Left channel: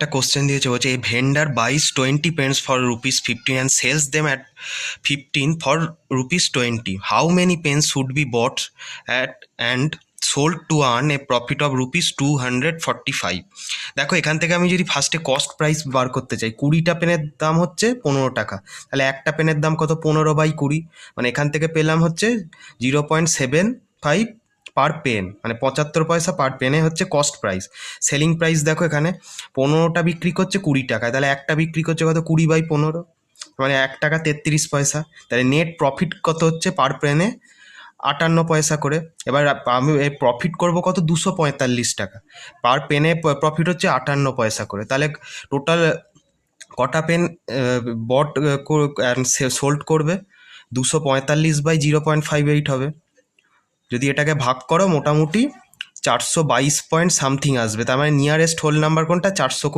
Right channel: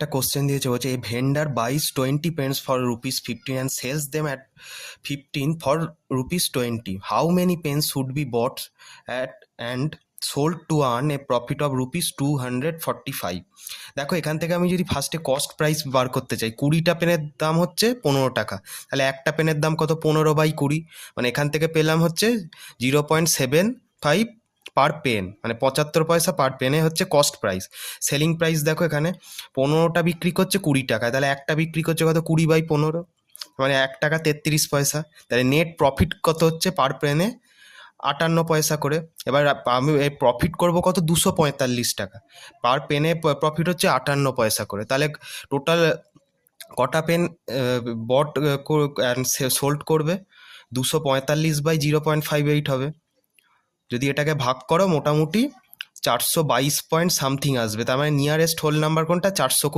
একটা কোশ্চেন দিয়েছে, বলছে a vendor buys 20 pens for ₹15 and sells them at 15 for ₹20. How many pens should be bought at and sold to earn a profit of ₹245? দেখো, এখান থেকে আমি যদি ফার্স্টে কস্ট প্রাইস বার করতে চাই, 20টা পেনের দাম হচ্ছে 15 টাকা, তাহলে একটা পেনের দাম কত? 15/20, মানে এখান থেকে পেলাম হচ্ছে 0.75 পার পেন, মানে 75 পয়সা পার পেনে হচ্ছে কস্ট প্রাইস। সেলিং প্রাইস দেখো, এখানে 15টা বিক্রি করছে 20 টাকায়, তাহলে একটা বিক্রি করছে কত? 20/15, মানে 1 টাকা 33 পয়সা। তাহলে নেট প্রফিট কত হচ্ছে পার পেনে? 58 পয়সা করে। এবার আমি এই প্রফিট করব কত? 245 টাকা। পার পেনে প্রফিট হচ্ছে 58 পয়সা করে। তাহলে টোটাল কটা পেন বট সোল্ড করবে? 245/0.58 হবে। যদি এটাকে ভাগ করো, মোটামুটি 422 পয়েন্ট সামথিং আসবে। তার মানে নিয়ারেস্ট হোল নাম্বার কোনটা? 420।